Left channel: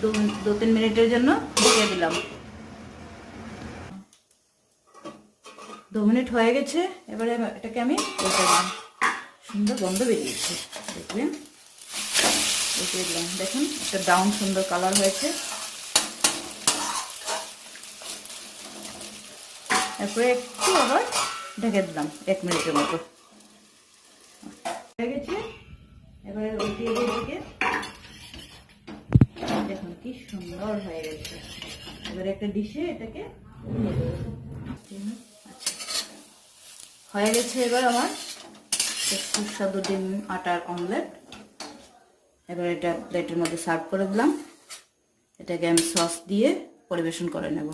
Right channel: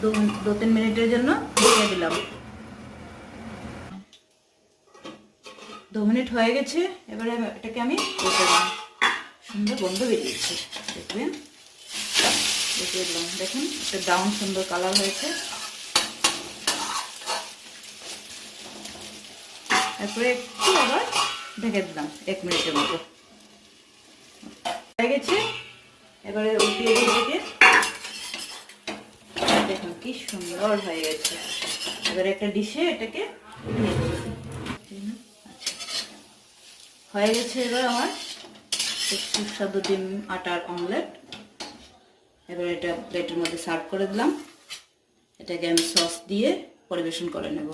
দু-তিন মিনিটের জন্য ঢেকে দিলাম। 2 মিনিট হয়ে গেছে। এবারে এটাকে আমি উল্টে দিলাম। সুন্দর গন্ধ বেরিয়েছে, দেখলেন? উল্টে দিলাম, দেখুন একটা ব্রাউন সুন্দর কালার হয়েছে। এরপরে একটু আবার ঢেকে দিলাম 1 মিনিটের মতো। হয়ে গেছে। এবারে উল্টিয়ে দিয়ে দেখুন কি সুন্দর হয়ে গেছে। এবারে একটা ডিশে এটাকে উঠিয়ে দেবো। আচ্ছা, হয়ে গেছে এবার আমার সুস্বাদু ডিম আটার অমলেট। এবার এটা প্লেটের মধ্যে সার্ভ করে দিলাম। এটাকে আমি সস দিয়ে পরিবেশন করে নেব।